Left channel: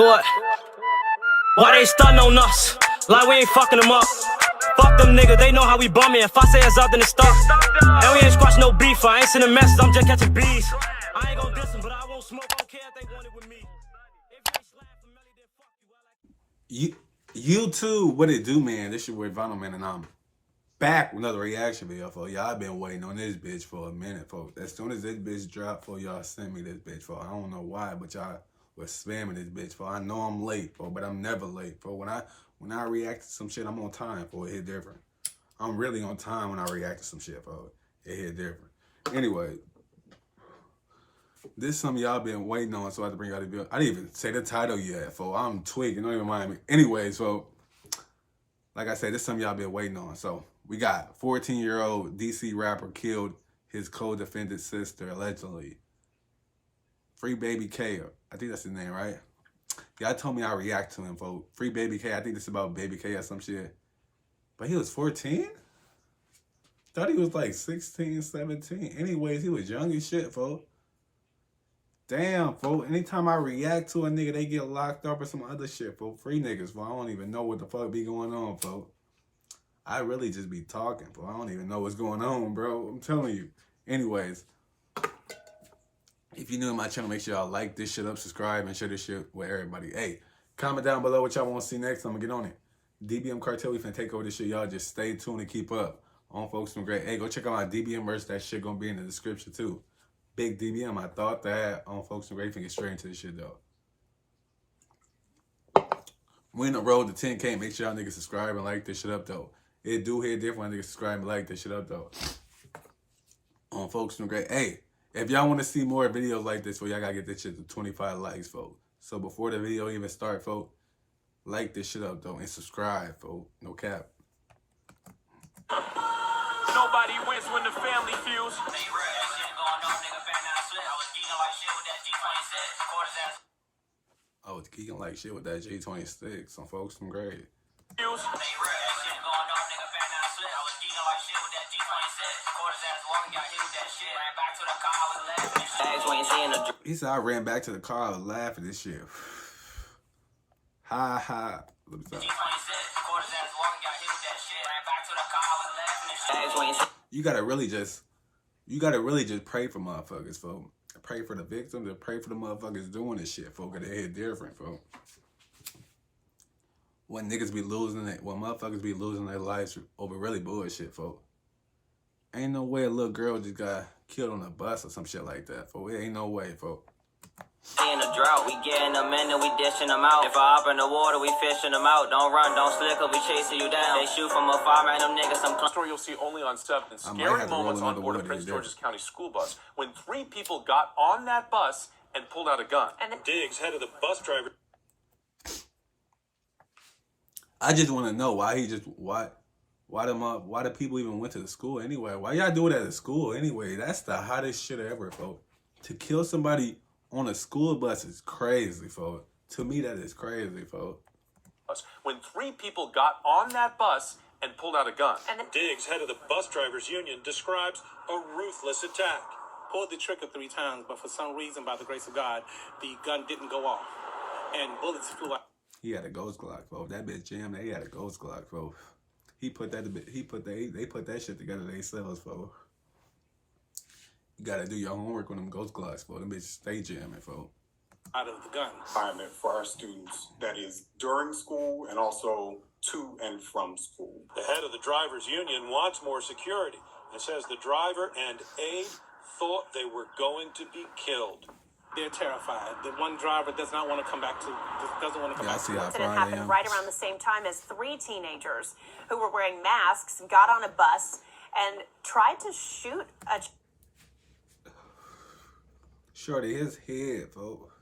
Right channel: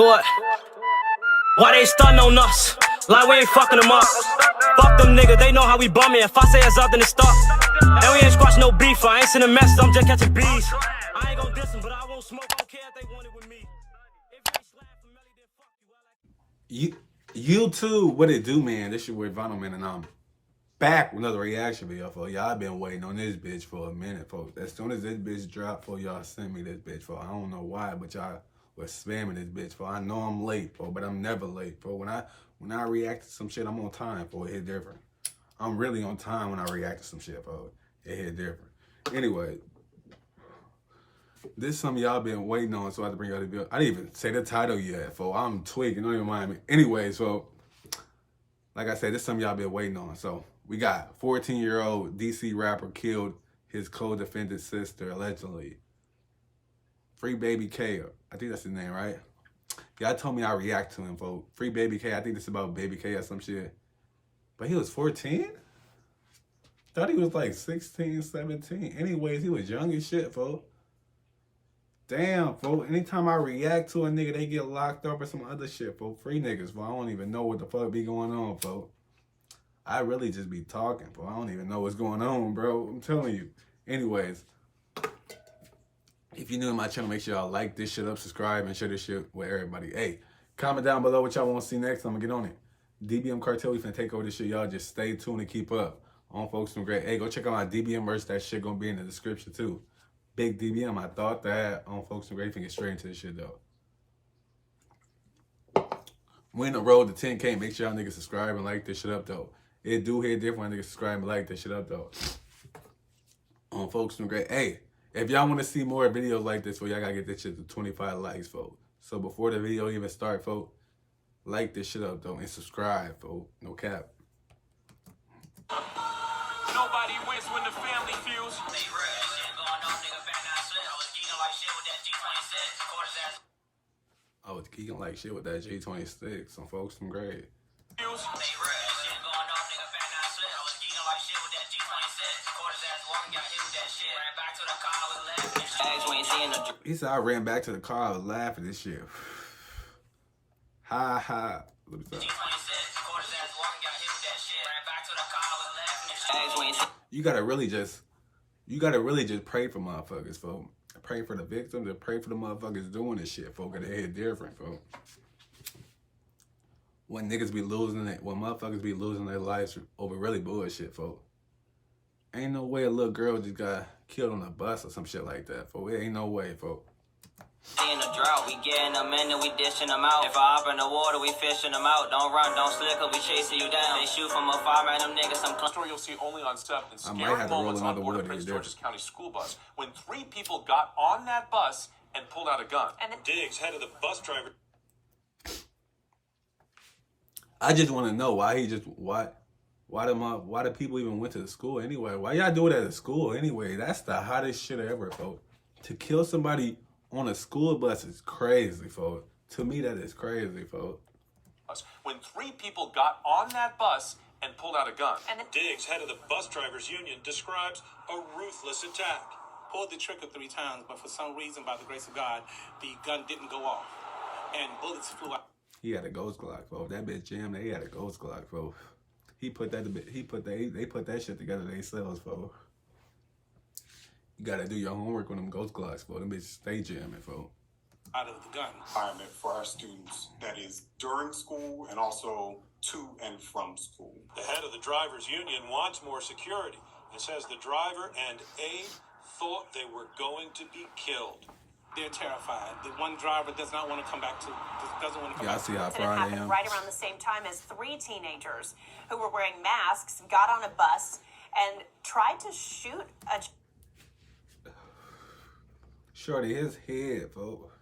Do it. Why they stuntin' on us? Like we ain't fucking them up. Fuck them niggas, they know how we bumming. If I say it's up, then it's stuck. And we ain't squashing no beef. I ain't sending messages, I'm just catching bees. I ain't gon' diss them, but I won't smoke. I don't care if they want it with me. If you ain't slap for Melly, then fuck you. YouTube, what it do, man? This your boy Vonno, man, and I'm back with another reaction video for y'all. Been waiting on this bitch for a minute, folks. As soon as this bitch dropped, for y'all send me this bitch for. I don't know why, but y'all was spamming this bitch for. I know I'm late, for, but I'm never late, for. When I react to some shit, I'm on time, for. It hit different. I'm really on time when I react to some shit, for. It hit different. Anyway, this is something y'all been waiting on, so I have to bring y'all the video. I didn't even say the title yet, for. I'm tweaking, don't even mind me. Anyway, so like I said, this is something y'all been waiting on. So we got 14-year-old DC rapper killed his co-defendant sister, allegedly. Free Baby K. I think that's his name, right? Y'all told me I react to him, folks. Free Baby K. I think this is about Baby K or some shit. But he was 14? Thought he was like 16, 17. Anyways, he was young as shit, folks. Damn, folks. Anytime I react to a nigga, they get locked up or some other shit, folks. Free niggas, folks. I don't even know what the fuck be going on, folks. I really just be talking, folks. I don't even know what's going on, bro. I'm telling you. Anyways, if you're new to my channel, make sure y'all like this shit up, subscribe, and share this shit with everybody. Hey, comment down below what y'all want to see next. I'm going to get on it. DBM Cartel, we finna take over this shit. Y'all just stay tuned and keep up on Folks From Great. Hey, go check out my DBM merch. That shit gonna be in the description too. Big DBM, I thought that on Folks From Great. You can get straight into this shit though. We in the road to 10K. Make sure y'all niggas subscribe and like this shit up though. It do hit different when niggas subscribe and like this shit up though. On Folks From Great. Hey, if y'all want to see more videos like this, y'all gotta get this shit to 25 likes, folks. So before the video even start, folks, like this shit up though and subscribe, folks. No cap. Nobody wins when the family feels. I was geeking like shit with that G26 on Folks From Great. He said I ran back to the car, I was laughing this shit. Ha ha. You gotta really just pray for motherfuckers, folks. Pray for the victims and pray for the motherfuckers doing this shit, folks. They hit different, folks. When niggas be losing it, when motherfuckers be losing their lives over really bullshit, folks. Ain't no way a little girl just got killed on a bus or some shit like that, folks. It ain't no way, folks. In a drought, we getting them in and we dishing them out. If I hop in the water, we fishing them out. Don't run, don't slick, or we chasing you down. They shoot from afar, man, them niggas some Story you'll see only on 7. I might have to roll another board word of Prince there. George's County school bus when 3 people got on that bus and pulled out a gun. And Diggs, head of the bus driver. I just want to know why the people even went to the school anyway. Why y'all do it at a school anyway? That's the hottest shit ever, folks. To kill somebody on a school bus is crazy, folks. To me, that is crazy, folks. When 3 people got on that bus and pulled out a gun. And Diggs, head of the bus drivers union, describes a ruthless attack. Pulled the trigger 3 times, but for some reason, by the grace of God, the gun didn't go off, and bullets flew out. He had a ghost Glock, folks. That bitch jammed. They had a ghost Glock, folks. They put that shit together themselves, folks. You gotta do your homework on them ghost Glocks, folks. Them bitches stay jamming, folks. Out of the gun. Environment for our students that is during school and also to and from school. The head of the drivers union wants more security and says the driver and aide thought they were going to be killed. They're terrified. The one driver doesn't want to come back. Yeah, I see how It fried I happened am. right around the same time as 3 teenagers who were wearing masks got on a bus and tried to shoot a... Shorty, his head, folks.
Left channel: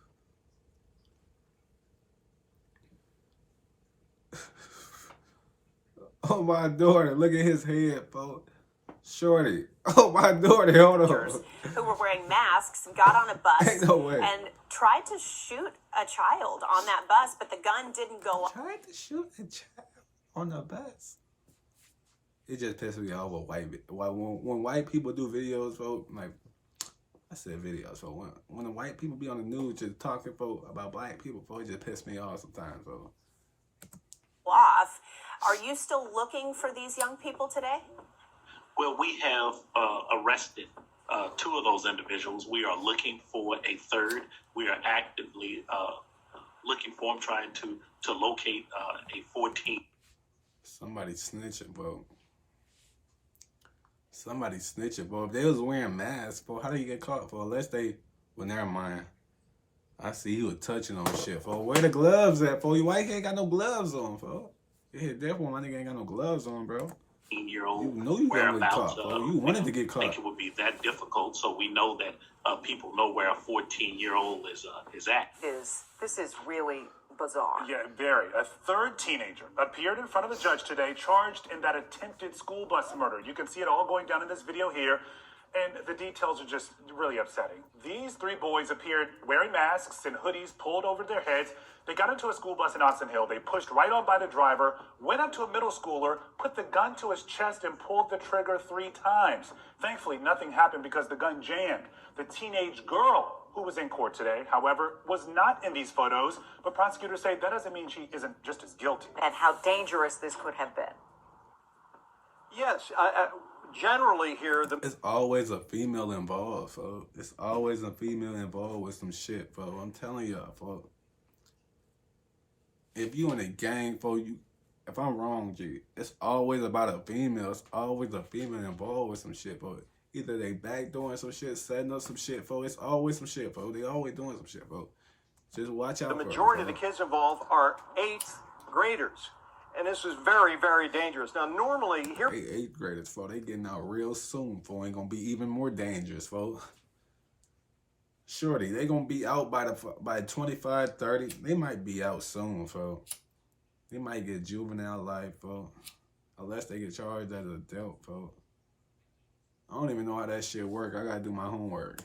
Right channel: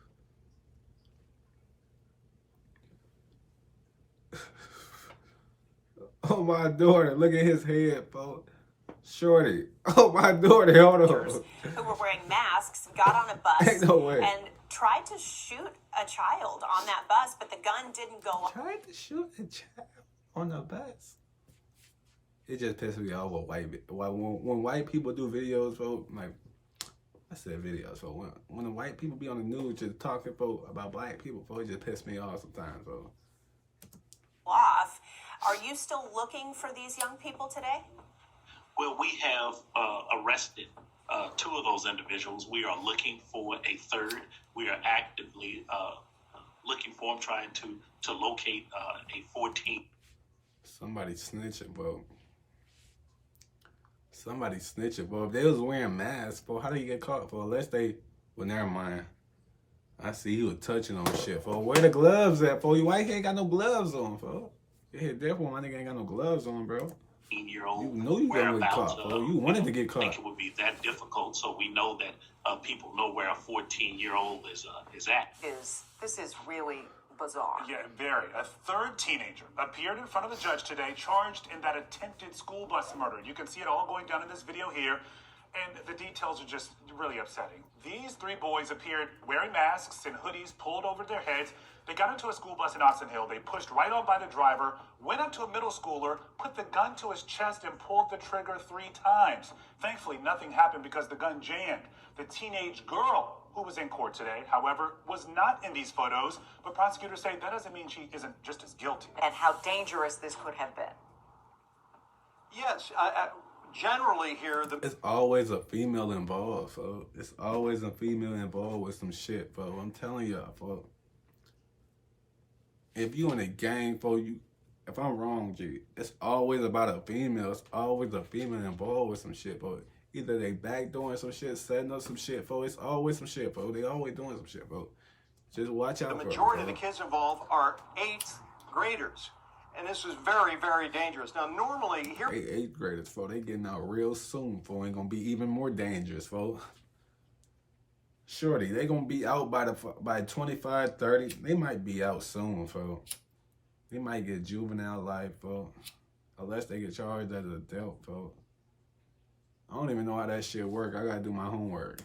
Oh, my daughter. Look at his head, folks. Shorty. Oh, my daughter. Hold on. Who were wearing masks got on a bus Ain't no way. and tried to shoot a child on that bus, but the gun didn't go off. Tried to shoot a child on the bus. It just pisses me off when white people do videos, folks. Like, I said videos. So when the white people be on the news just talking about black people, it just piss me off sometimes. So. Off. Are you still looking for these young people today? Well, we have arrested 2 of those individuals. We are looking for a third. We are actively looking for them, trying to locate a 14. Somebody snitching, bro. Somebody snitching, bro. If they was wearing masks, bro, how do you get caught, bro? Unless they, well, never mind. I see he was touching on shit, bro. Where the gloves at, bro? Your white ain't got no gloves on, bro. You hit that one, my nigga ain't got no gloves on, bro. You know you gonna get caught, bro. You wanted to get caught. I think it would be that difficult, so we know that people know where a 14-year-old is at. This is really bizarre. Yeah, very. A third teenager appeared in front of the judge today, charged in that attempted school bus murder. You can see it all going down in this video here, and the details are just really upsetting. These 3 boys appeared wearing masks and hoodies pulled over their heads. They got into a school bus in Austin Hill. They pushed right on by the driver, went up to a middle schooler, put the gun to his chest, and pulled the trigger 3 times. Thankfully, nothing happened because the gun jammed. The teenage girl who was in court today, however, was not in these photos, but prosecutors say that doesn't mean she isn't just as guilty. And how dangerous this could have been. Yes, generally here, it's always a female involved, folks. It's always a female involved with some shit, folks. I'm telling y'all, folks. If you in a gang, folks, if I'm wrong, G, it's always about a female. It's always a female involved with some shit, folks. Either they backdooring some shit, setting up some shit, folks. It's always some shit, folks. They always doing some shit, folks. Just watch out for them. The majority of the kids involved are 8th graders. And this is very, very dangerous. Now, normally here... 8th graders, folks. They getting out real soon, folks. Ain't gonna be even more dangerous, folks. Shorty, they gonna be out by 25, 30. They might be out soon, folks. They might get juvenile life, folks. Unless they get charged as an adult, folks. I don't even know how that shit work. I gotta do my homework.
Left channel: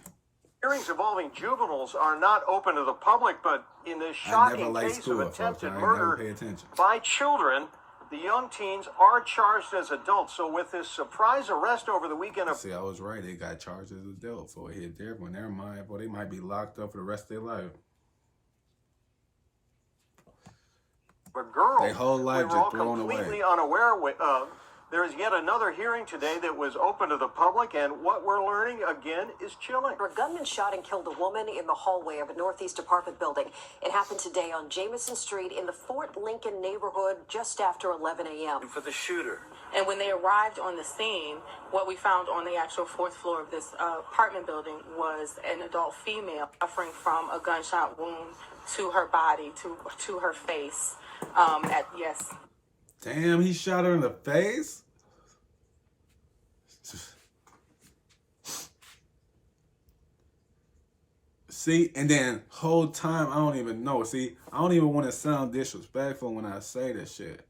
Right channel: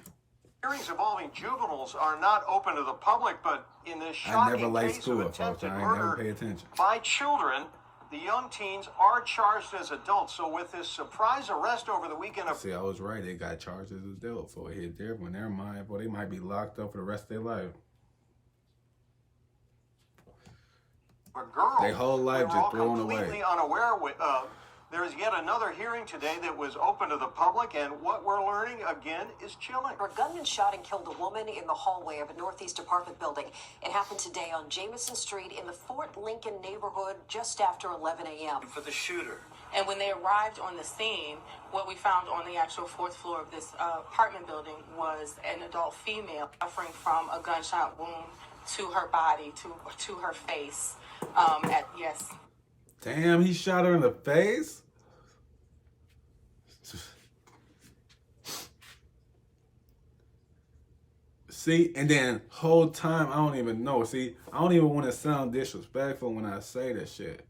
Hearings involving juveniles are not open to the public, but in this shocking case of attempted murder by children, the young teens are charged as adults. So with this surprise arrest over the weekend... See, I was right. They got charged as adults. So it hit there. When never mind, boy, they might be locked up for the rest of their life. A girl, their whole life just thrown away. Completely unaware with... There's yet another hearing today that was open to the public, and what we're learning, again, is chilling. A gunman shot and killed a woman in the hallway of a Northeast apartment building. It happened today on Jameson Street in the Fort Lincoln neighborhood just after 11 a.m. For the shooter. And when they arrived on the scene, what we found on the actual 4th floor of this apartment building was an adult female suffering from a gunshot wound to her body, to her face. Yes. Damn, he shot her in the face? See, and then whole time, I don't even know. See, I don't even want to sound disrespectful when I say this shit.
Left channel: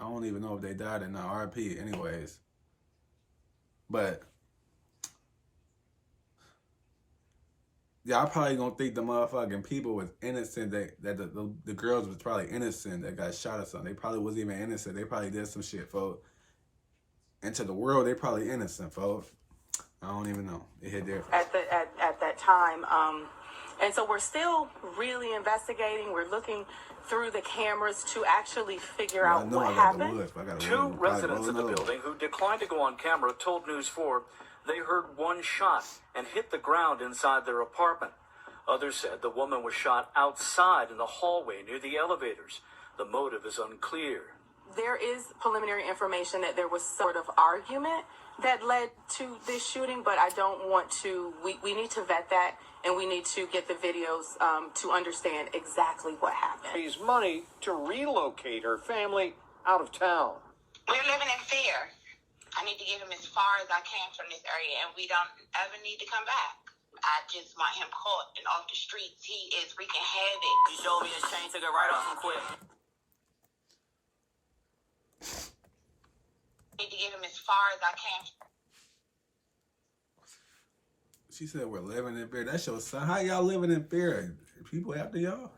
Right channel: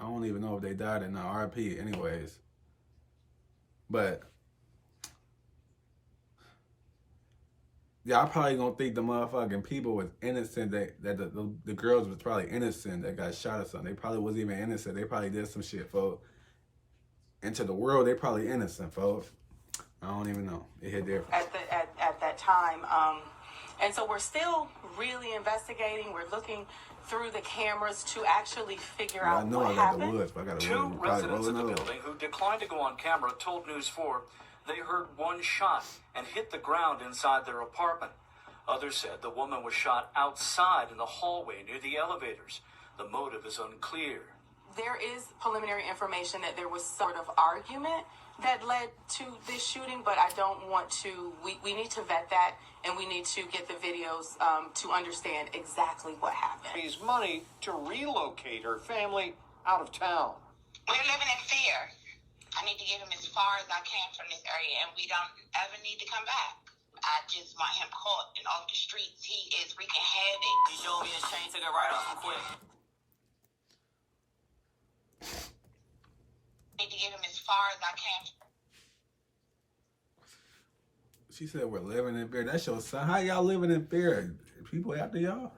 I don't even know if they died or not. RP anyways. But y'all probably gonna think the motherfucking people was innocent, that the girls was probably innocent that got shot or something. They probably wasn't even innocent. They probably did some shit, folks. And to the world, they probably innocent, folks. I don't even know. It hit different. At that time. And so we're still really investigating. We're looking through the cameras to actually figure out what happened. I got the woods, but I got to 2 residents of the building who declined to go on camera told News 4 they heard 1 shot and hit the ground inside their apartment. Others said the woman was shot outside in the hallway near the elevators. The motive is unclear. There is preliminary information that there was sort of argument that led to this shooting, but I don't want to, we need to vet that, and we need to get the videos to understand exactly what happened. Raise money to relocate her family out of town. We're living in fear. I need to get him as far as I can from this area, and we don't ever need to come back. I just want him caught and off the streets. He is wreaking havoc. He showed me the chain, took it right off him quick. Need to get him as far as I can. She said we're living in fear. That's your son. How y'all living in fear? People after y'all?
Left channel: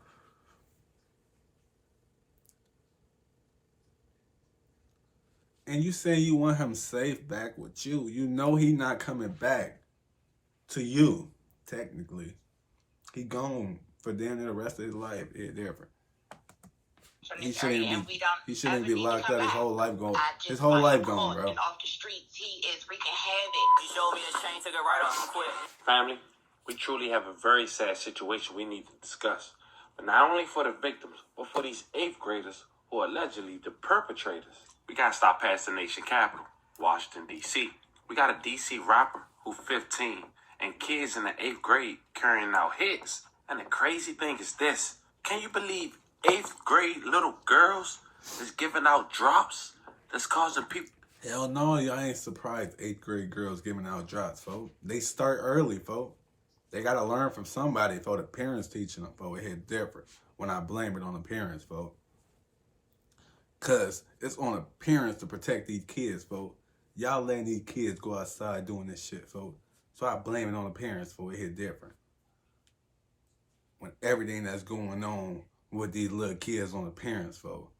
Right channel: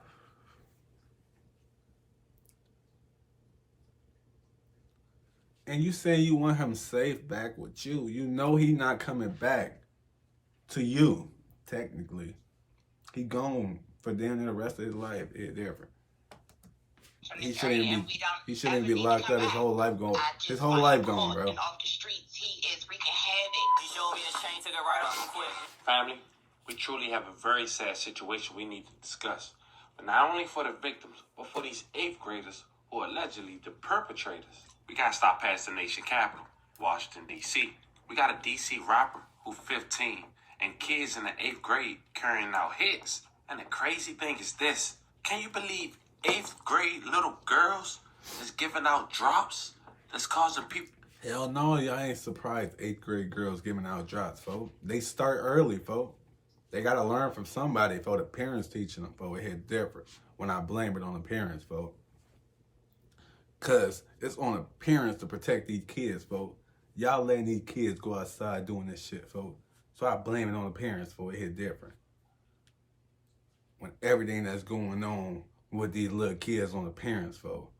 And you saying you want him safe back with you. You know he not coming back. to you, technically. He gone for damn near the rest of his life. It's different. He shouldn't be locked up. His whole life gone. His whole life gone, bro. Off the streets, he is wreaking havoc. He showed me the chain, took it right off quick. Family, we truly have a very sad situation we need to discuss. But not only for the victims, but for these 8th graders who are allegedly the perpetrators. We gotta stop past the nation capital, Washington, D.C. We got a D.C. rapper who's 15 and kids in the 8th grade carrying out hits. And the crazy thing is this. Can you believe 8th grade little girls is giving out drops that's causing people... Hell no, y'all ain't surprised 8th grade girls giving out drops, folks. They start early, folks. They gotta learn from somebody, folks. The parents teaching them, folks. It hit different when I blame it on the parents, folks. Cause it's on the parents to protect these kids, folks. Y'all letting these kids go outside doing this shit, folks. So I blame it on the parents, folks. It hit different. When everything that's going on with these little kids on the parents, folks.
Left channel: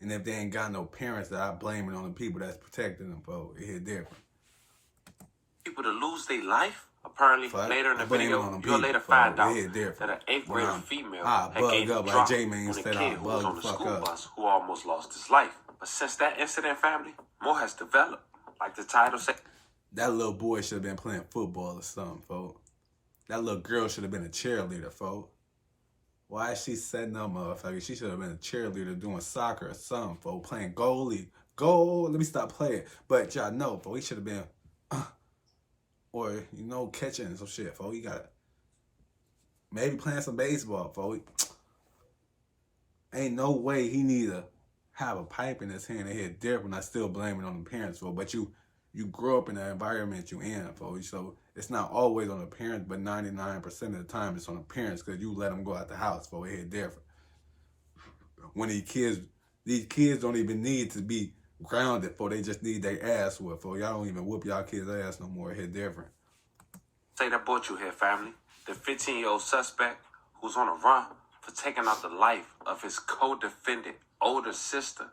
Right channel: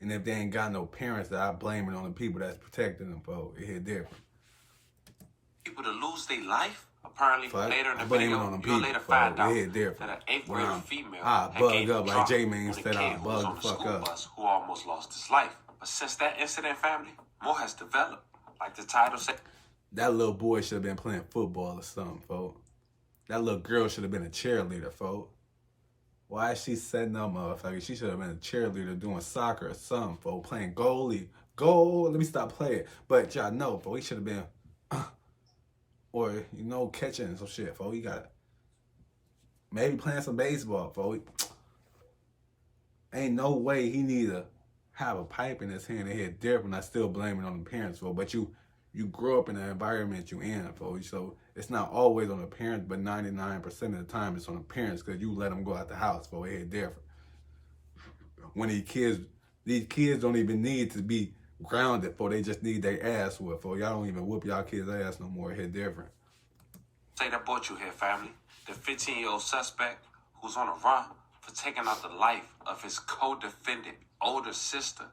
And if they ain't got no parents, that I blame it on the people that's protecting them, folks. It hit different. People to lose their life? Apparently, later in the video, you'll later find out that an 8th grade female I bug up like J-Man said, I bug the fuck up. Bus who almost lost his life. But since that incident, family, more has developed. Like the title said, that little boy should have been playing football or something, folks. That little girl should have been a cheerleader, folks. Why is she setting up, motherfucker? She should have been a cheerleader doing soccer or something, folks. Playing goalie. Goal. Let me stop playing. But y'all know, folks, he should have been... or, you know, catching some shit, folks. You gotta... maybe playing some baseball, folks. Ain't no way he need to have a pipe in his hand and hit different. I still blame it on the parents, folks. But you grow up in the environment you in, folks. So it's not always on the parents, but 99% of the time it's on the parents because you let them go out the house, folks. It hit different. When these kids don't even need to be grounded, folks. They just need their ass whooped, folks. Y'all don't even whoop y'all kids' ass no more. It hit different. Say that brought you here, family. The 15-year-old suspect who's on a run for taking out the life of his co-defendant older sister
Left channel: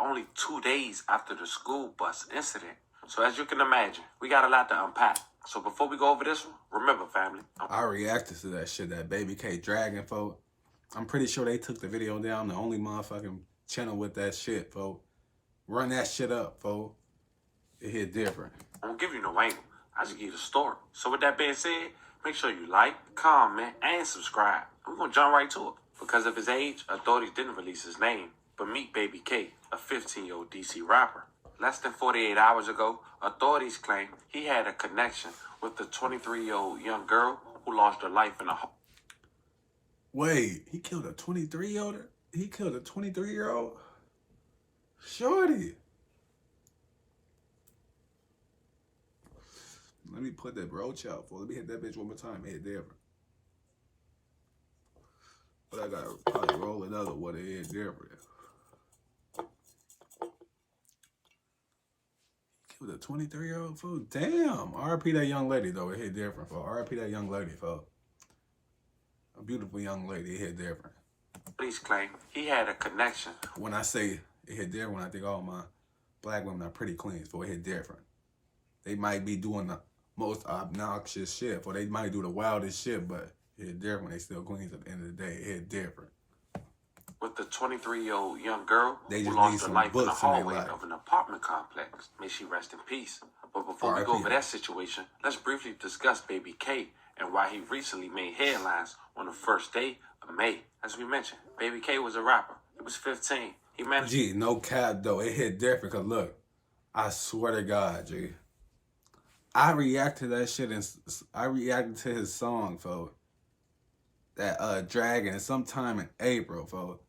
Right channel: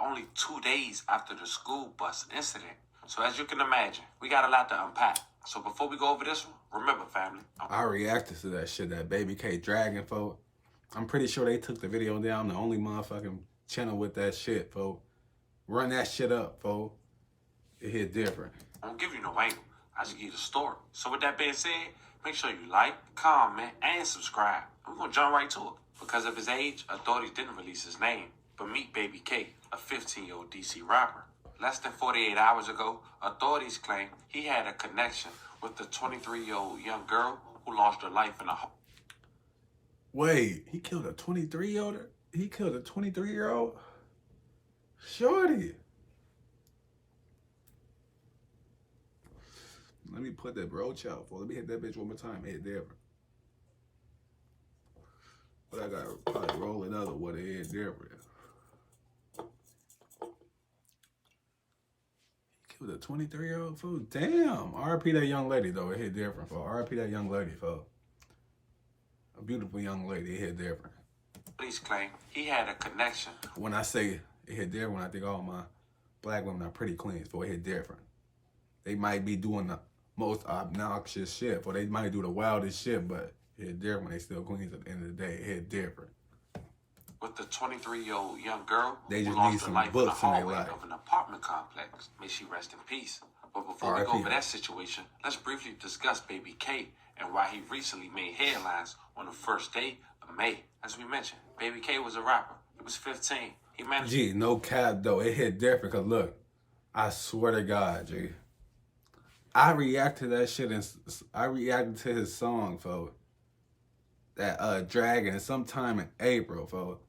only 2 days after the school bus incident. So as you can imagine, we got a lot to unpack. So before we go over this one, remember, family. I reacted to that shit, that Baby K dragging, folks. I'm pretty sure they took the video down. The only motherfucking channel with that shit, folks. Run that shit up, folks. It hit different. I won't give you no angle. I just give you the story. So with that being said, make sure you like, comment, and subscribe. We're going to jump right to it. Because of his age, authorities didn't release his name. But meet Baby K, a 15-year-old DC rapper. Less than 48 hours ago, authorities claim he had a connection with the 23-year-old young girl who lost her life in a home. Wait, he killed a 23-year-old? He killed a 23-year-old? Shorty. Let me put that brooch out for. Let me hit that bitch one more time. Hit different. But I gotta probably roll another one. It hit different. With a 23-year-old fool. Damn. RIP that young lady, though. It hit different, folks. RIP that young lady, folks. A beautiful young lady. It hit different. Police claim he had a connection. When I say it hit different, I think all my black women are pretty clean, so it hit different. They might be doing the most obnoxious shit, or they might do the wildest shit, but it hit different. They still queens at the end of the day. It hit different. With the 23-year-old young girl they just who lost need some her life books in the in their hallway life. of an apartment complex. May she rest in peace. But before we go over that situation, let's briefly discuss Baby K and why he recently made headlines on the first day of May. As we mentioned, Baby K was a rapper. He was 15. He managed... Gee, no cap, though. It hit different, because look, I swear to God, G. I reacted to that shit, and I reacted to his song, folks. That Dragon, sometime in April, folks.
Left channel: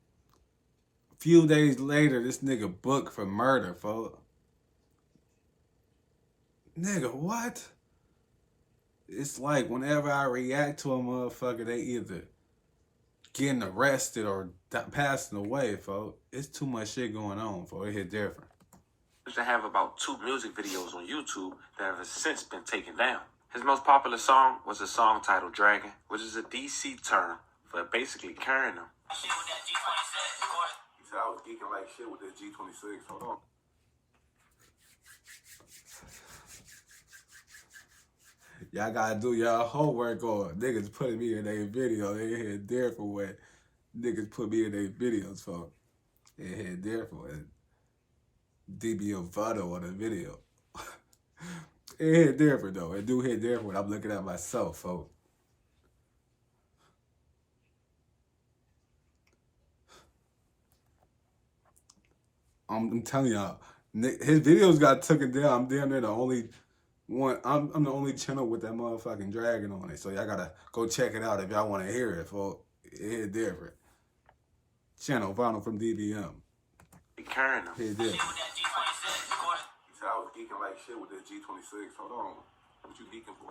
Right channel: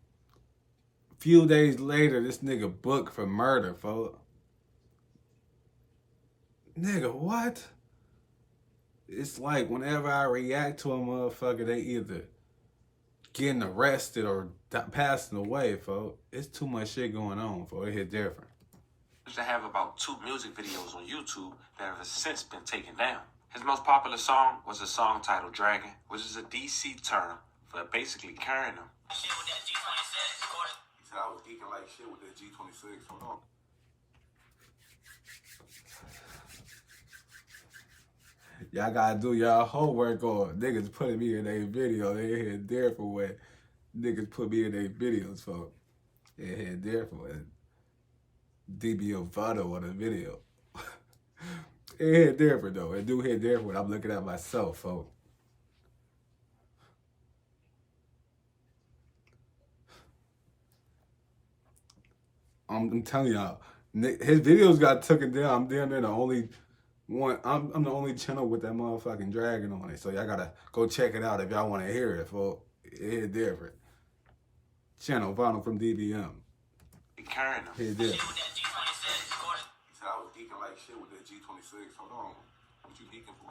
Few days later, this nigga booked for murder, folks. Nigga, what? It's like whenever I react to a motherfucker, they either getting arrested or passing away, folks. It's too much shit going on, folks. It hit different. To have about 2 music videos on YouTube that have since been taken down. His most popular song was a song titled Dragon, which is a DC term for basically carrying them. I was geeking like shit with that G26. Hold on. Y'all gotta do y'all homework on niggas putting me in their video. They hit different way. Niggas put me in their videos, folks. They hit different. DB Vonno on the video. It hit different though. It do hit different when I'm looking at myself, folks. I'm telling y'all, his videos got taken down. I'm damn near the only one. I'm the only channel with that motherfucking dragon on it. So y'all gotta go check it out if y'all want to hear it, folks. It hit different. Channel VonnoFrmDBM. Hit different. I was geeking like shit with that G26. Hold on. What you geeking for?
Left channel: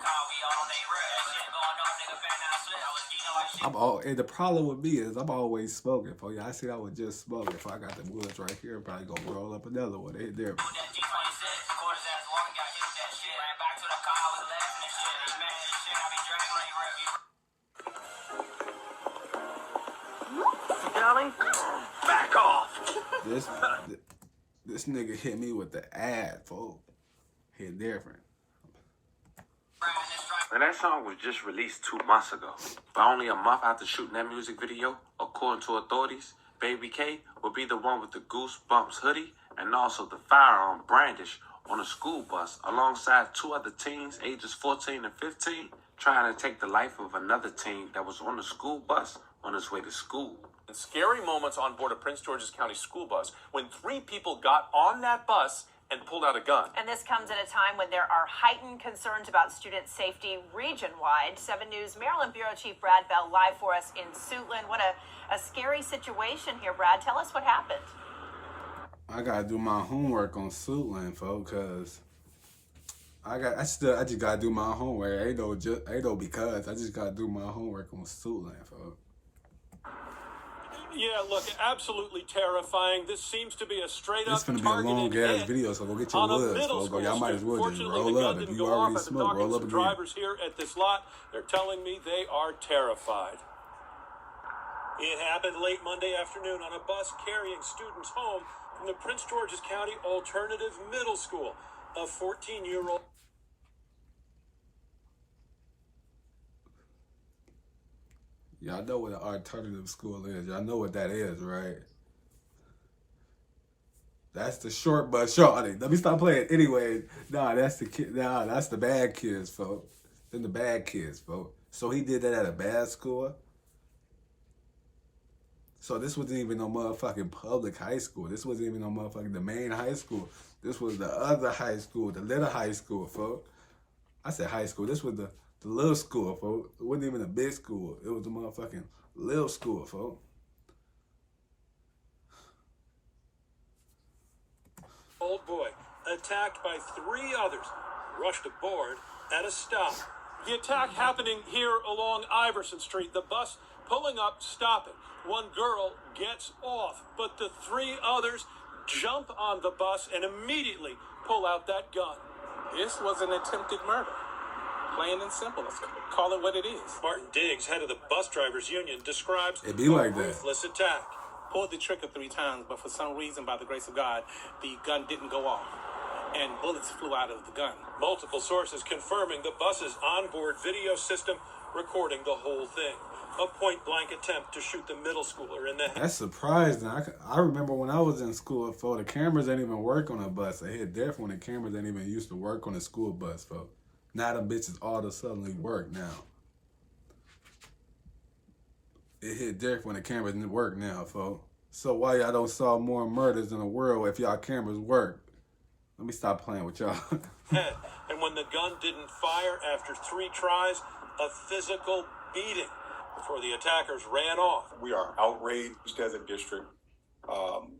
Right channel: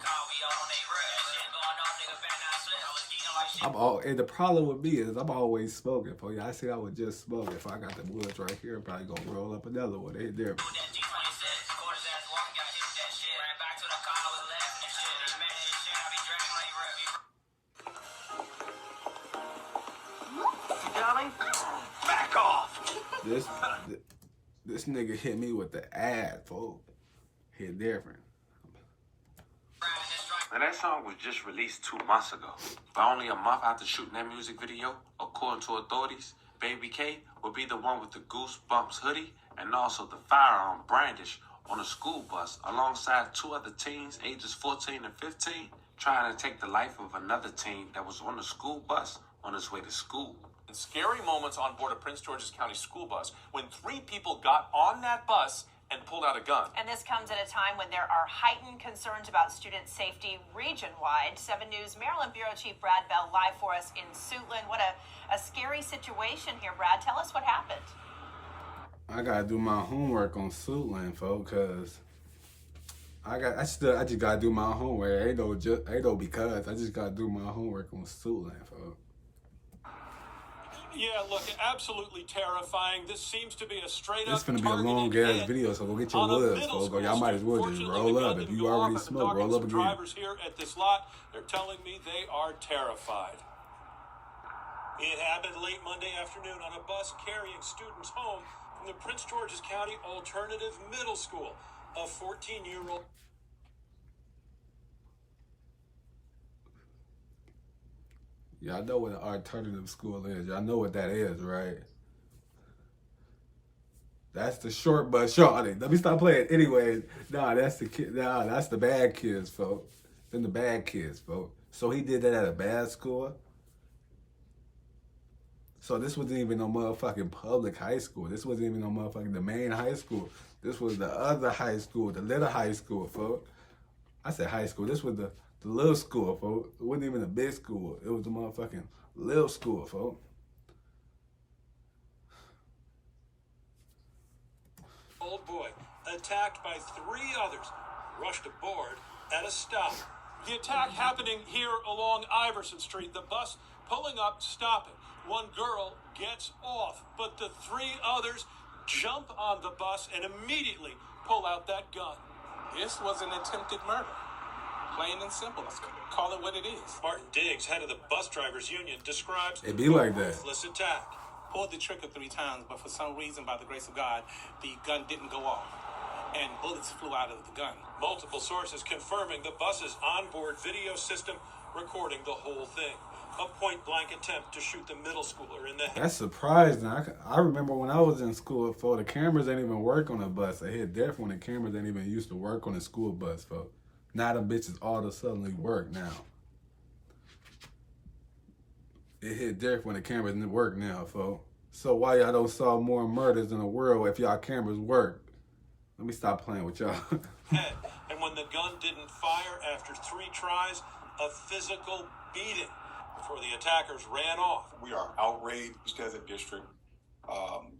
And the problem with me is I'm always smoking. For you, I said I would just smoke. If I got the woods right here, I'm probably gonna roll up another one. They hit there. Darling, back off. This nigga hit me with the ad, folks. Hit different. And that song was just released 2 months ago. But only a month after shooting that music video, according to authorities, Baby K will be the one with the Goosebumps hoodie and also the firearm brandish on a school bus alongside 2 other teens ages 14 and 15 trying to take the life of another teen that was on the school bus on his way to school. Scary moments on board a Prince George's County school bus when 3 people got on that bus and pulled out a gun. And this comes at a time when there are heightened concerns about student safety region-wide. 7 News Maryland Bureau Chief Brad Bell live for us in Suitland. What a scary situation here, Brad. Tell us what happened. I gotta do my homework on Suitland, folks, cause I just gotta do my homework. Ain't no because I just gotta do my homework on Suitland, folks. Yeah, look, absolutely terrifying. This seems to be a straight-up. This finna be a long-ass video, so go get your woods, folks. Y'all might as well just roll up. If you already smoke, roll up again. Drivers here at this lot, they're telling me they are terrified. It happened late Monday afternoon on a bus carrying students home from the Prince George's County Alternative Middle School. A 14-year-old. Y'all know what an alternative school is. Y'all know what that is, right? That's the short bus shorty. Let me stop playing. Anyways, that's the kid. That's the bad kids, folks. Then the bad kids, folks. So he did that at a bad school. So this wasn't even no motherfucking public high school. This wasn't even no motherfucking the main high school. This was the other high school, the little high school, folks. I said high school. This was the little school, folks. It wasn't even a big school. It was the motherfucking little school, folks. Old boy attacked by 3 others, rushed aboard at a stop. The attack happening here along Iverson Street. The bus pulling up, stopping. 1 girl gets off, but the 3 others jump on the bus and immediately pull out that gun. This was an attempted murder. Plain and simple. Let's call it what it is. Martin Diggs, head of the bus drivers union, describes it be like that. Ruthless attack. Pulled the trigger 3 times, but for some reason, by the grace of God, the gun didn't go off, and bullets flew out of the gun. Multiple sources confirming the bus's onboard video system recording the whole thing. A point-blank attempt to shoot the middle schooler in the head. That's surprising. I remember when I was in school, folks, the cameras ain't even work on a bus. It hit different when the cameras ain't even used to work on a school bus, folks. Now them bitches all of a sudden work now. It hit different when the cameras didn't work now, folks. So why y'all don't solve more murders in the world if y'all cameras work? Let me stop playing with y'all. And when the gun didn't fire after 3 tries, a physical beating before the attackers ran off. We are outraged as a district.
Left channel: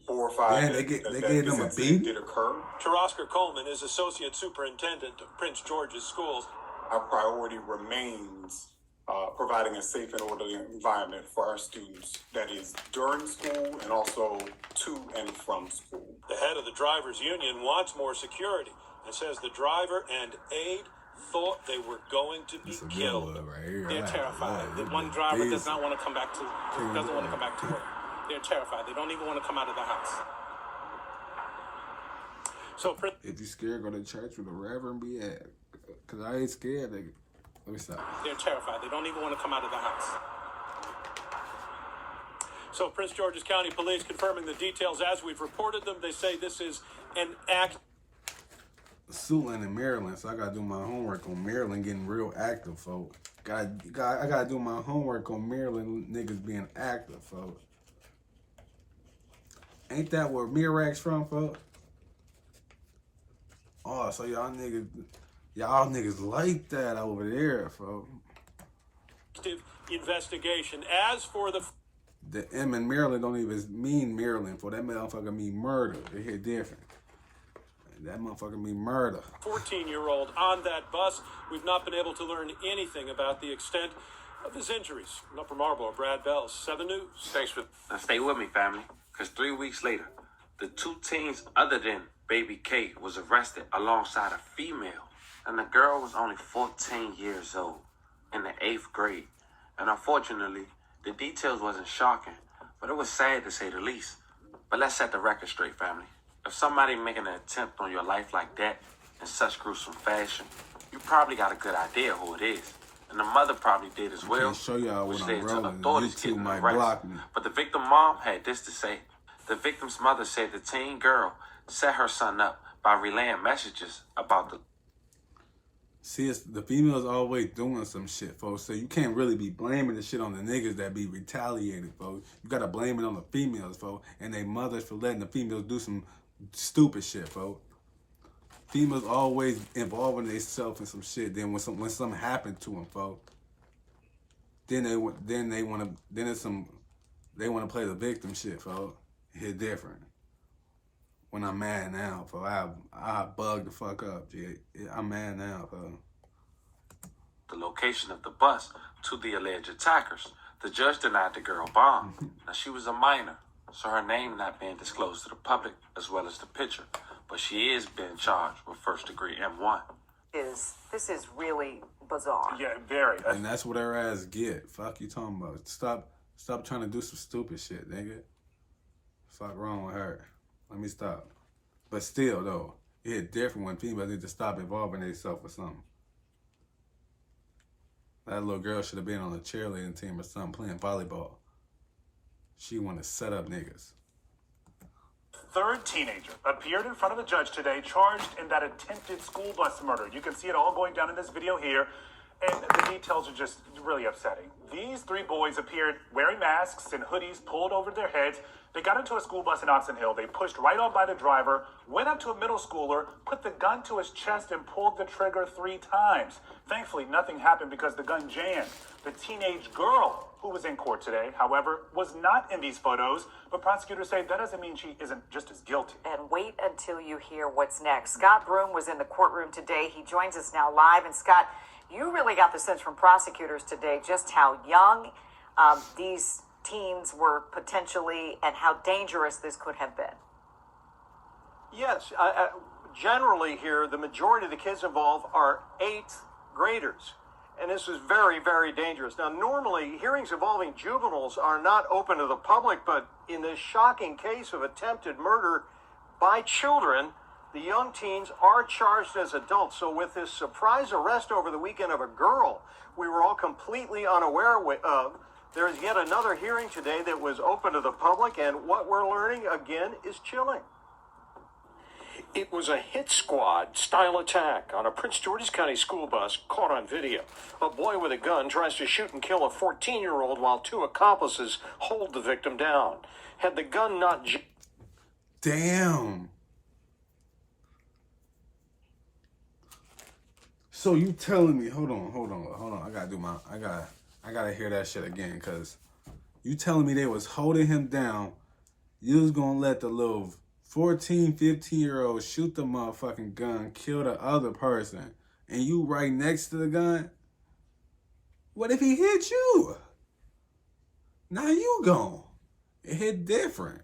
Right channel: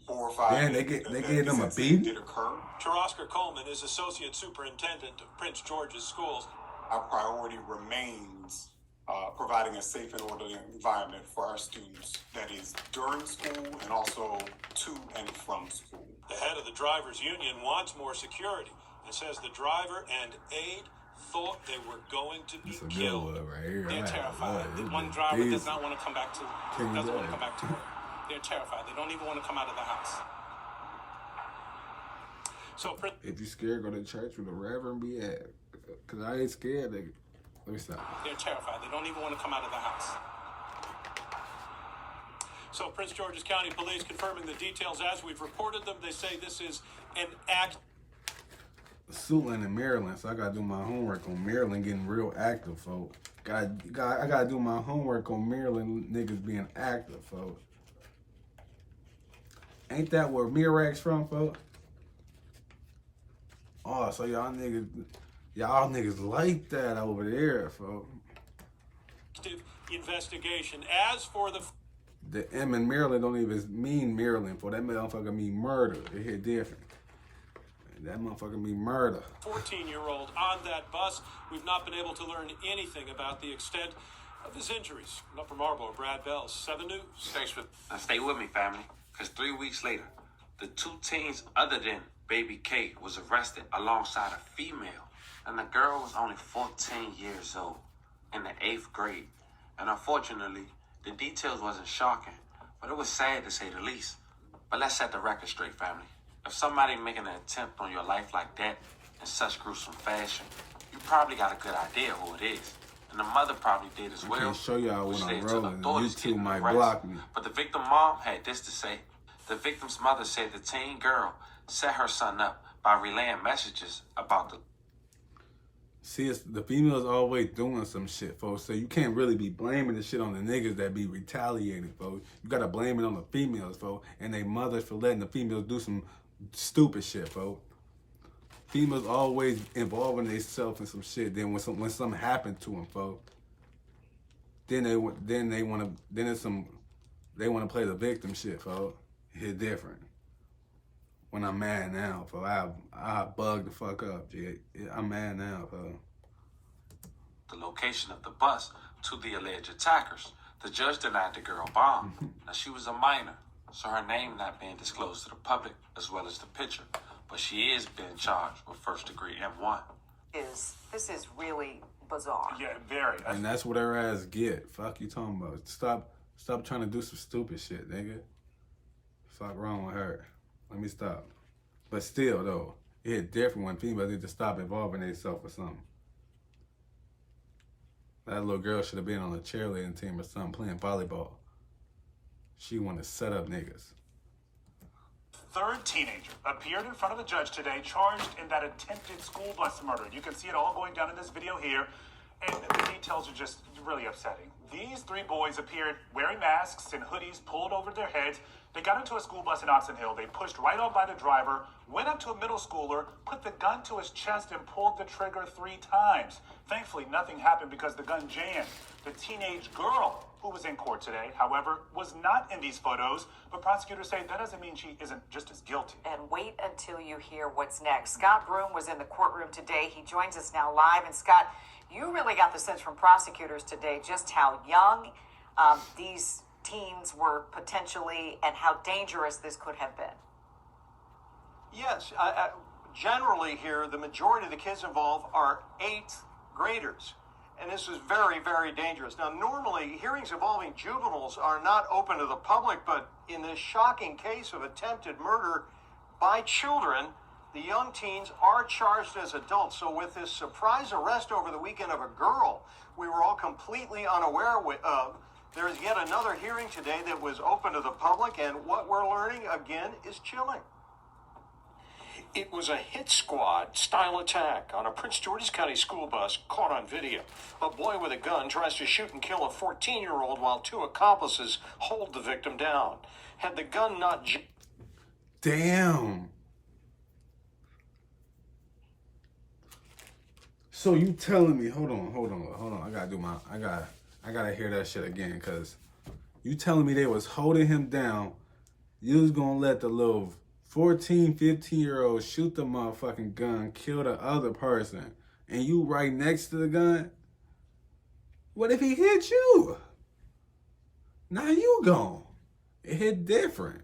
Horrified. Man, they gave them a beat. Did occur. Terosker Coleman is Associate Superintendent of Prince George's Schools. Our priority remains providing a safe and orderly environment for our students. That is during school and also to and from school. The head of the drivers union wants more security and says the driver and aide thought they were going to be killed. Right here. They're terrified. The one driver does not want to come back to work. They're terrified. They don't even want to come out of the house. So, if you scared, go to church with the Reverend be at. Because I ain't scared, nigga. Let me stop. They're terrified. They don't even want to come out of the house. So Prince George's County Police confirming the details as we've reported them. They say this is an act. Suitland in Maryland, so I gotta do my homework on Maryland getting real active, folks. I gotta do my homework on Maryland niggas being active, folks. Ain't that where Mirac's from, folks? Oh, so y'all niggas like that over there, folks. Investigation. As for the M in Maryland don't even mean Maryland, for that motherfucker mean murder. It hit different. That motherfucker mean murder. 14-year-old on that bus. We've not been able to learn anything about the extent of his injuries. From Upper Marlboro, Brad Bell, 7 News. Thanks for stay with me, family, because 3 weeks later, the 2 teens other than Baby Kate was arrested alongside a female, and the girl was only 14 years old in the 8th grade. And unfortunately, the details wasn't shocking, but it was sad to say the least. But let's set the record straight, family. If somebody making an attempt on your life like that in such gruesome fashion, you probably got a good idea who it is. And the mother probably did as well. I can't show y'all when I'm rolling. YouTube might arrested. block me. But the victim mom had this to say. The victim's mother said the teen girl set her son up by relaying messages about the... See, it's, the females always doing some shit, folks. So you can't really be blaming the shit on the niggas that be retaliating, folks. You gotta blame it on the females, folks, and they mothers for letting the females do some stupid shit, folks. Females always involving themselves in some shit. Then when something happened to them, folks, then they want to play the victim shit, folks. It's different. When I'm mad now, folks, I bug the fuck up, G. I'm mad now, folks. The location of the bus to the alleged attackers. The judge denied the girl bond. Now, she was a minor, so her name not being disclosed to the public, as well as the picture. But she is being charged with first-degree M1. This is really bizarre. Yeah, very. And that's what her ass get. Fuck you talking about. Stop trying to do some stupid shit, nigga. Fuck wrong with her. Let me stop. But still, though, it's different when females need to stop involving themselves with something. That little girl should have been on a cheerleading team or something playing volleyball. She want to set up niggas. 3rd teenager appeared in front of the judge today, charged in that attempted school bus murder. You can see it all going down in this video here, and the details are just really upsetting. These 3 boys appeared wearing masks and hoodies pulled over their heads. They got into a school bus in Oxon Hill. They pushed right on by the driver, went up to a middle schooler, put the gun to his chest, and pulled the trigger 3 times. Thankfully, nothing happened because the gun jammed. The teenage girl who was in court today, however, was not in these photos, but prosecutors say that doesn't mean she isn't just as guilty. And wait until you hear what's next. Scott Broom was in the courtroom today. He joins us now live. And Scott, you really got the sense from prosecutors today just how young these teens were potentially and how dangerous this could have been. Yes, generally here, the majority of the kids involved are 8th graders. And this is very, very dangerous. Now, normally, hearings involving juveniles are not open to the public, but in this shocking case of attempted murder by children, the young teens are charged as adults. So with this surprise arrest over the weekend of a girl we were all completely unaware of, there's yet another hearing today that was open to the public, and what we're learning, again, is chilling. It was a hit squad style attack on a Prince George's County school bus caught on video. A boy with a gun tries to shoot and kill a 14-year-old while 2 accomplices hold the victim down. Had the gun not... Damn. So you telling me, hold on. I gotta hear that shit again, cause you telling me they was holding him down. You was gonna let the little 14, 15-year-old shoot the motherfucking gun, kill the other person, and you right next to the gun? What if he hit you? Now you gone. It hit different.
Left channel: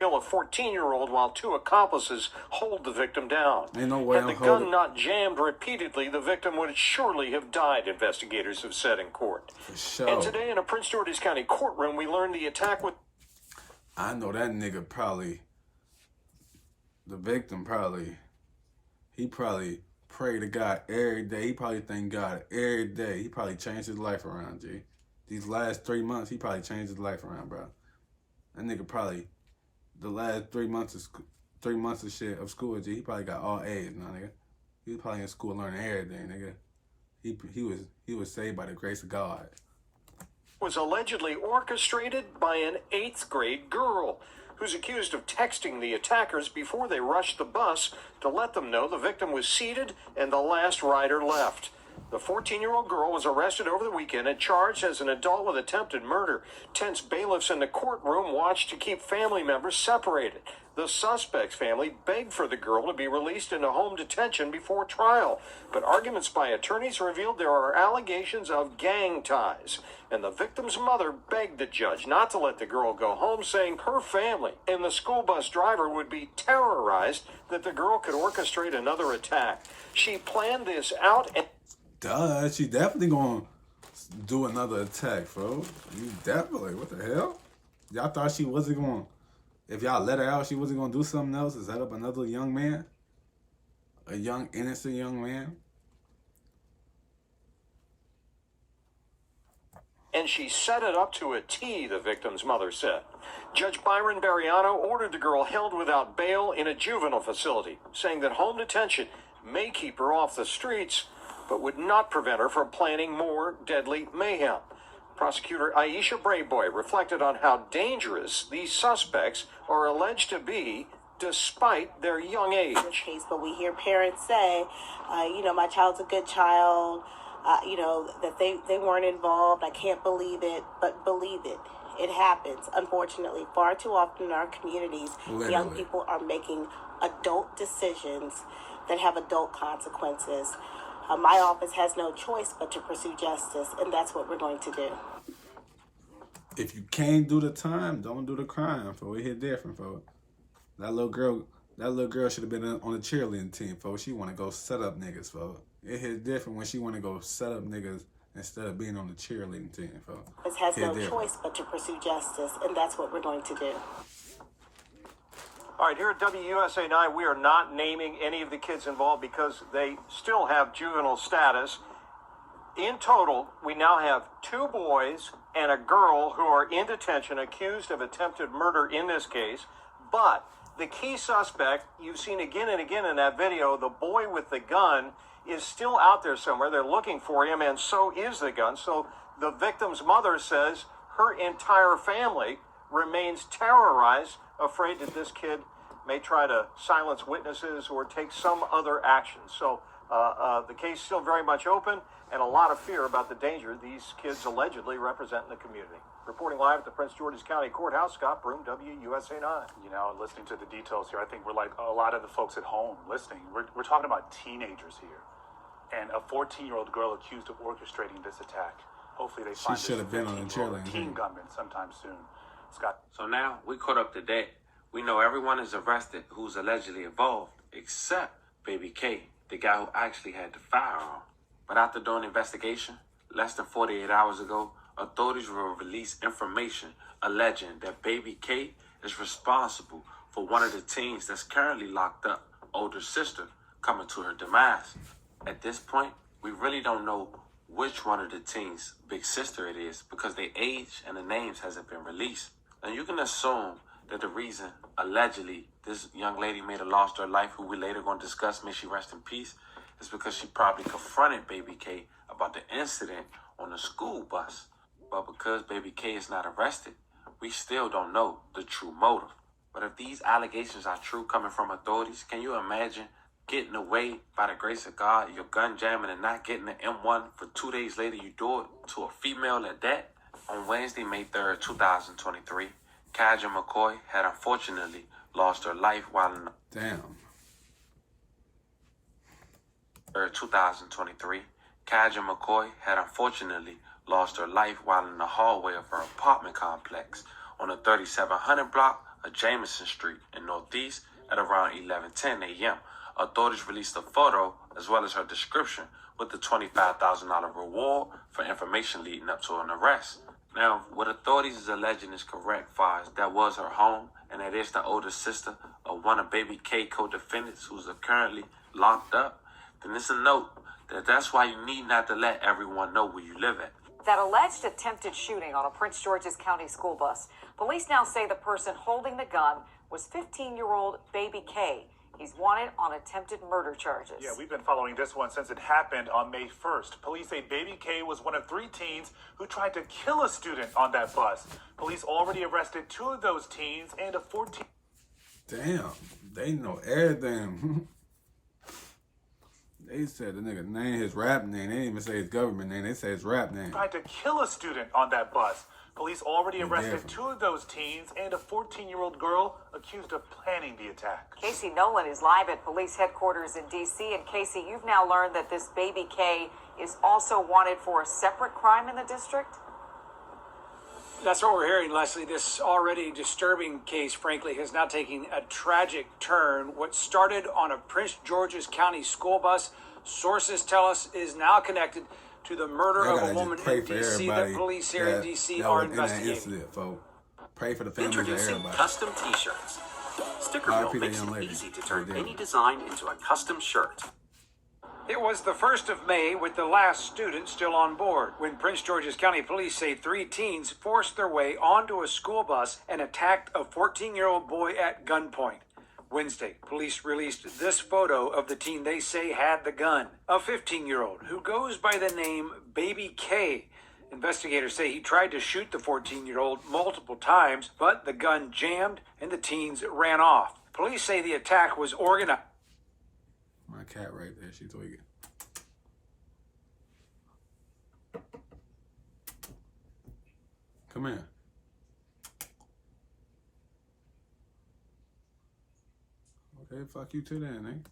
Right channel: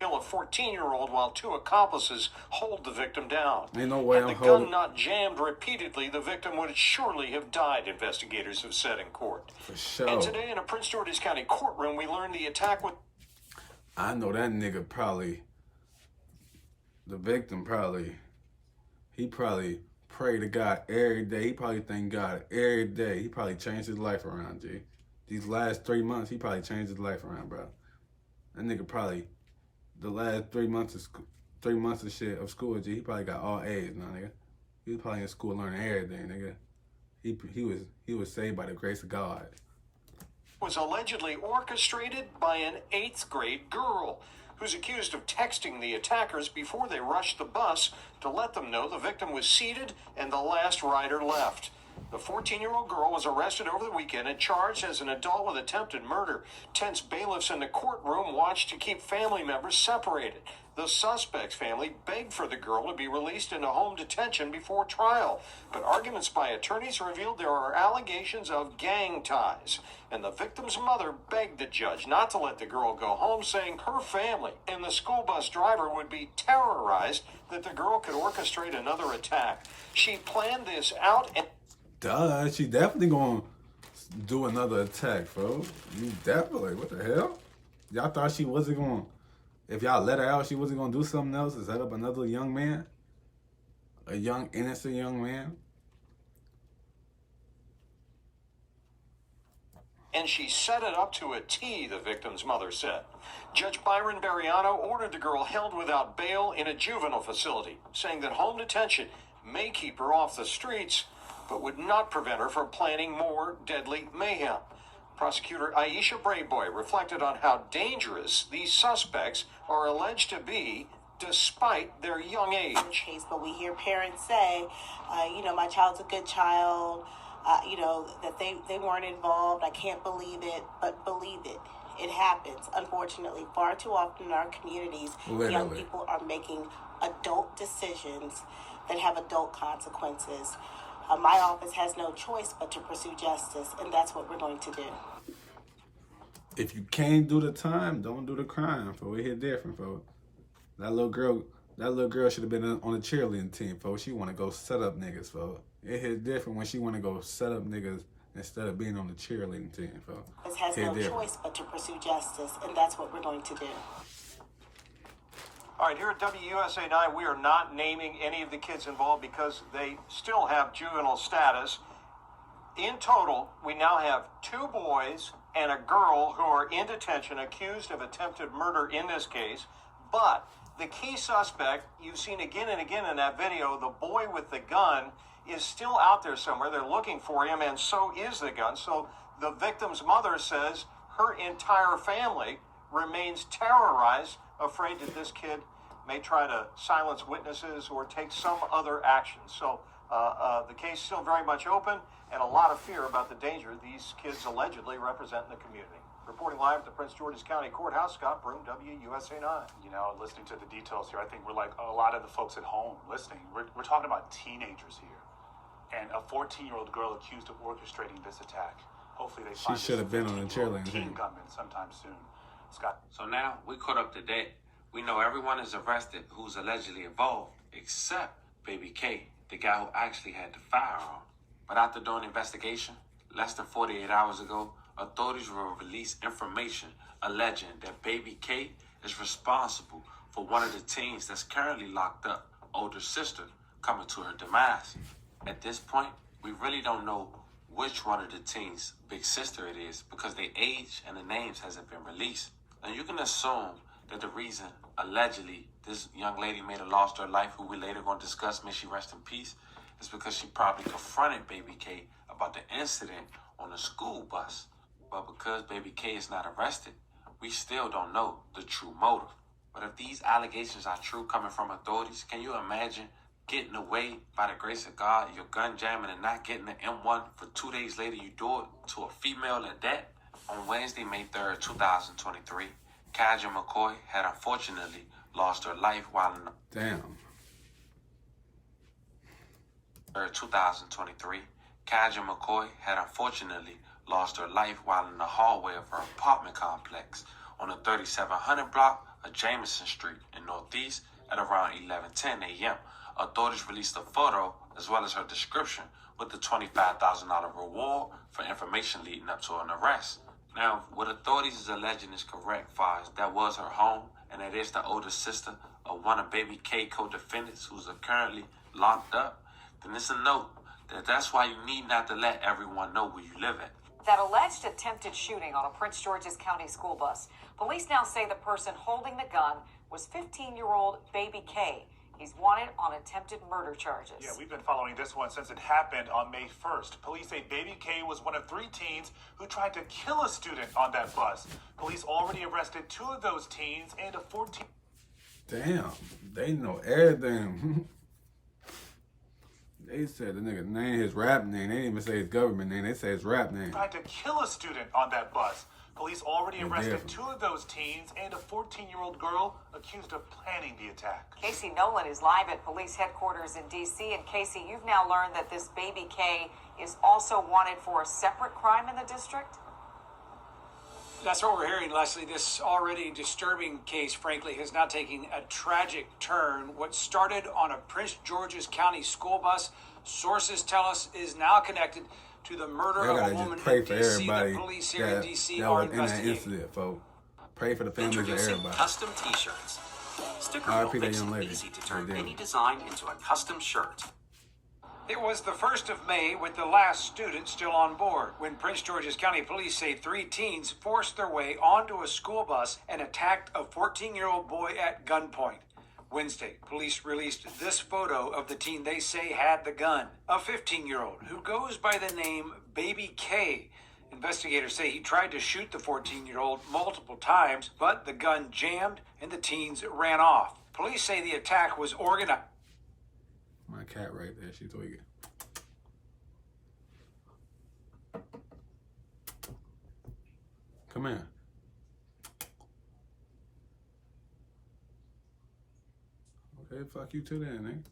Kill a 14-year-old while 2 accomplices hold the victim down. Ain't no way Had I'm the holding. gun not jammed repeatedly, the victim would surely have died, investigators have said in court. For sure. And today in a Prince George's County courtroom, we learned the attack with... I know that nigga probably, the victim probably, he probably pray to God every day. He probably thank God every day. He probably changed his life around, G. These last 3 months, he probably changed his life around, bro. That nigga probably, the last 3 months of shit of school, G, he probably got all A's now, nigga. He was probably in school learning everything, nigga. He was saved by the grace of God. Was allegedly orchestrated by an 8th grade girl who's accused of texting the attackers before they rushed the bus to let them know the victim was seated and the last rider left. The 14-year-old girl was arrested over the weekend and charged as an adult with attempted murder. Tense bailiffs in the courtroom watched to keep family members separated. The suspect's family begged for the girl to be released into home detention before trial, but arguments by attorneys revealed there are allegations of gang ties, and the victim's mother begged the judge not to let the girl go home, saying her family and the school bus driver would be terrorized that the girl could orchestrate another attack. She planned this out and... Duh, she definitely gonna do another attack, folks. You definitely, what the hell? Y'all thought she wasn't gonna... If y'all let her out, she wasn't going to do something else to set up another young man? A young, innocent young man? And she set it up to a T, the victim's mother said. Judge Byron Barriano ordered the girl held without bail in a juvenile facility, saying that home detention may keep her off the streets, but would not prevent her from planning more deadly mayhem. Prosecutor Aisha Brayboy reflected on how dangerous these suspects are alleged to be despite their young age. But we hear parents say, my child's a good child, that they weren't involved. I can't believe it, but believe it. It happens. Unfortunately, far too often in our communities, young people are making adult decisions that have adult consequences. My office has no choice but to pursue justice, and that's what we're going to do. If you can't do the time, don't do the crime, folks. It hit different, folks. That little girl should have been on the cheerleading team, folks. She want to go set up niggas, folks. It hit different when she want to go set up niggas instead of being on the cheerleading team, folks. This has no choice but to pursue justice, and that's what we're going to do. All right, here at WUSA 9, we are not naming any of the kids involved because they still have juvenile status. In total, we now have 2 boys and a girl who are in detention accused of attempted murder in this case. But the key suspect, you've seen again and again in that video, the boy with the gun, is still out there somewhere. They're looking for him, and so is the gun. So the victim's mother says her entire family remains terrorized, afraid that this kid may try to silence witnesses or take some other action. So the case is still very much open, and a lot of fear about the danger these kids allegedly represent in the community. Reporting live at the Prince George's County Courthouse, Scott Broom, WUSA 9. Listening to the details here, I think we're like a lot of the folks at home listening. We're talking about teenagers here, and a 14-year-old girl accused of orchestrating this attack. Hopefully they find she should have been on the cheerleading teen team. gunman sometime soon. Scott. So now we caught up to date. We know everyone is arrested who's allegedly involved, except Baby K, the guy who actually had the firearm. But after doing an investigation, less than 48 hours ago, authorities will release information alleging that Baby K is responsible for one of the teens that's currently locked up, older sister, coming to her demise. At this point, we really don't know which one of the teens' big sister it is because their age and the names hasn't been released. And you can assume that the reason, allegedly, this young lady may have lost her life, who we later going to discuss, may she rest in peace, is because she probably confronted Baby K about the incident on the school bus. But because Baby K is not arrested, we still don't know the true motive. But if these allegations are true coming from authorities, can you imagine getting away by the grace of God, you're gun jamming and not getting the M1 for 2 days later you do it to a female at that? On Wednesday, May 3rd, 2023, Kaja McCoy had unfortunately lost her life while in 2023, Kaja McCoy had unfortunately lost her life while in the hallway of her apartment complex on the 3700 block of Jameson Street in Northeast at around 11:10 a.m. Authorities released a photo as well as her description with the $25,000 reward for information leading up to an arrest. Now, what authorities is alleging is correct, far as that was her home, and that is the older sister of one of Baby K co-defendants who's currently locked up. then it's a note that's why you need not to let everyone know where you live at. That alleged attempted shooting on a Prince George's County school bus. Police now say the person holding the gun was 15-year-old baby K. He's wanted on attempted murder charges. Yeah, we've been following this one since it happened on May 1st. Police say baby K was one of 3 teens who tried to kill a student on that bus. Police already arrested 2 of those teens and a 14. Damn, they know everything. They said the nigga name, his rap name. They didn't even say his government name. They say his rap name. Tried to kill a student on that bus. Police already arrested 2 of those teens and a 14-year-old girl accused of planning the attack. Casey Nolan is live at police headquarters in D.C. And Casey, you've now learned that this baby K is also wanted for a separate crime in the district? That's what we're hearing, Leslie. This already disturbing case, frankly, has now taken a tragic turn. What started on a Prince George's County school bus, sources tell us, is now connected to the murder of a woman in D.C. that police here in D.C. are in that investigating. incident, folks. Pray for the families of everybody. Custom T-shirts. Sticker R.I.P. Book that makes young it lady. easy to turn any design into a custom shirt. It was the 1st of May with the last student still on board when Prince George's County Police say 3 teens forced their way onto a school bus and attacked a 14-year-old boy at gunpoint. Wednesday, police released this photo of the teen they say had the gun, a 15-year-old who goes by the name Baby K. Investigators say he tried to shoot the 14-year-old multiple times, but the gun jammed and the teens ran off. Police say the attack was organized. My cat right there, she tweaking. Come here. Okay, fuck you too then,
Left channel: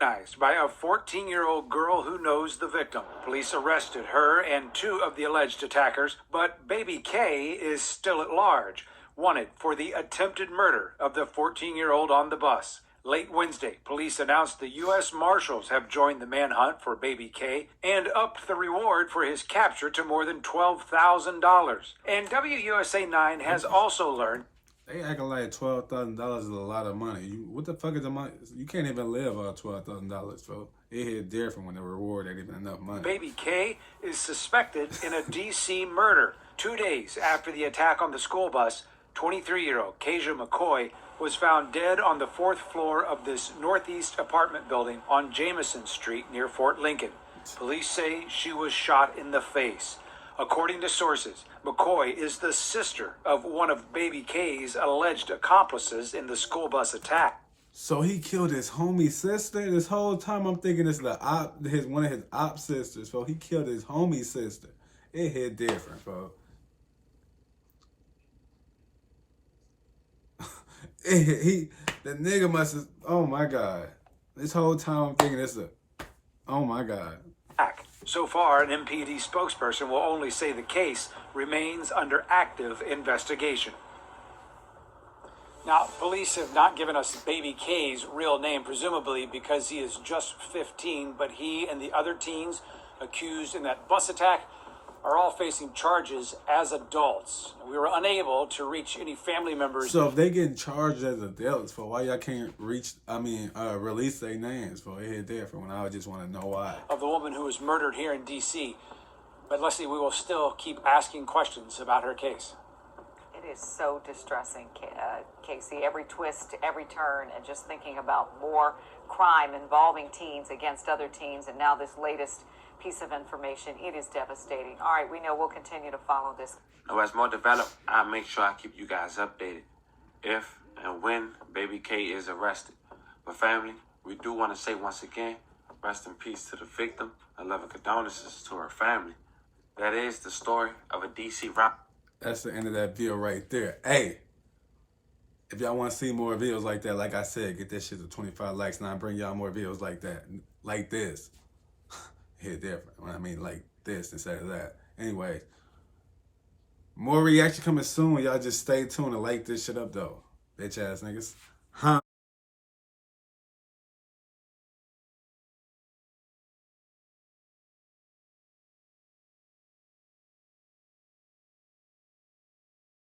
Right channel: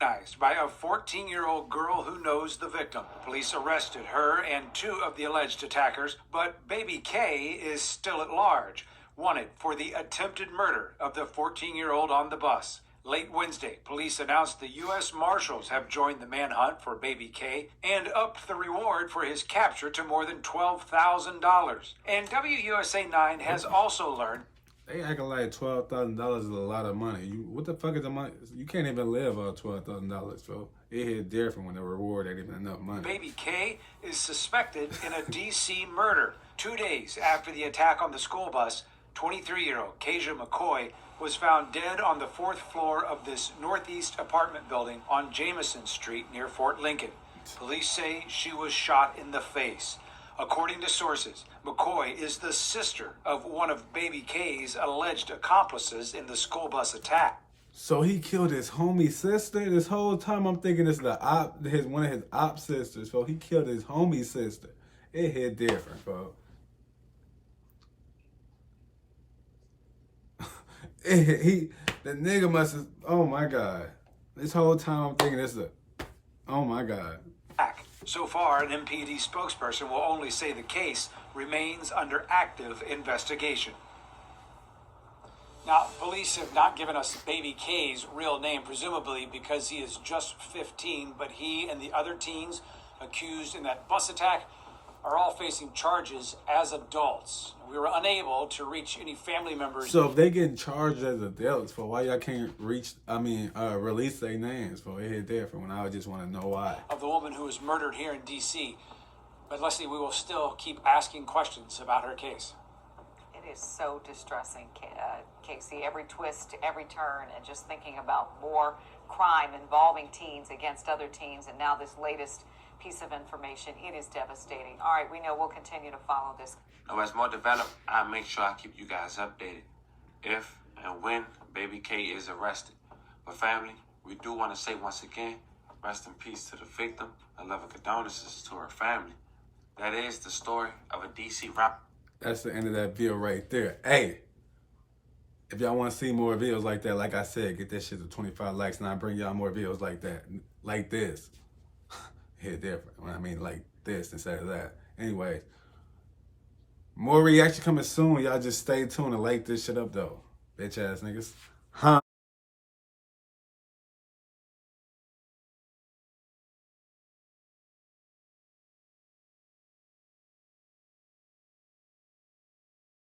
By a 14-year-old girl who knows the victim. Police arrested her and 2 of the alleged attackers, but baby K is still at large, wanted for the attempted murder of the 14-year-old on the bus. Late Wednesday, police announced the U.S. Marshals have joined the manhunt for baby K and upped the reward for his capture to more than $12,000. And WUSA 9 has also learned They acting like $12,000 is a lot of money. What the fuck is the money? You can't even live on $12,000, so it hit different when the reward ain't even enough money. Baby K is suspected in a D.C. murder. 2 days after the attack on the school bus, 23-year-old Kasia McCoy was found dead on the 4th floor of this northeast apartment building on Jameson Street near Fort Lincoln. Police say she was shot in the face. According to sources, McCoy is the sister of one of baby K's alleged accomplices in the school bus attack. So he killed his homie sister? This whole time I'm thinking it's one of his op sisters. So he killed his homie sister. It hit different, folks. The nigga must have, oh my God. This whole time I'm thinking oh my God. So far, an MPD spokesperson will only say the case remains under active investigation. Now, police have not given us baby K's real name, presumably because he is just 15, but he and the other teens accused in that bus attack are all facing charges as adults. We were unable to reach any family members. So if they getting charged as adults, for why y'all can't release their names? For it hit different when I just want to know why. Of the woman who was murdered here in D.C. But Leslie, we will still keep asking questions about her case. It is so distressing, Casey. Every twist, every turn, and just thinking about more crime involving teens against other teens, and now this latest piece of information. It is devastating. All right, we know we'll continue to follow this. Now, as more developed, I'll make sure I keep you guys updated if and when baby K is arrested. But family, we do want to say once again, rest in peace to the victim and love and condolences to her family. That is the story of a DC rap. That's the end of that video right there. Hey, if y'all want to see more videos like that, like I said, get that shit to 25 likes and I'll bring y'all more videos like that, like this. Hit different. I mean, like this instead of that. Anyway, more reaction coming soon. Y'all just stay tuned and like this shit up, though. Bitch ass niggas. Huh?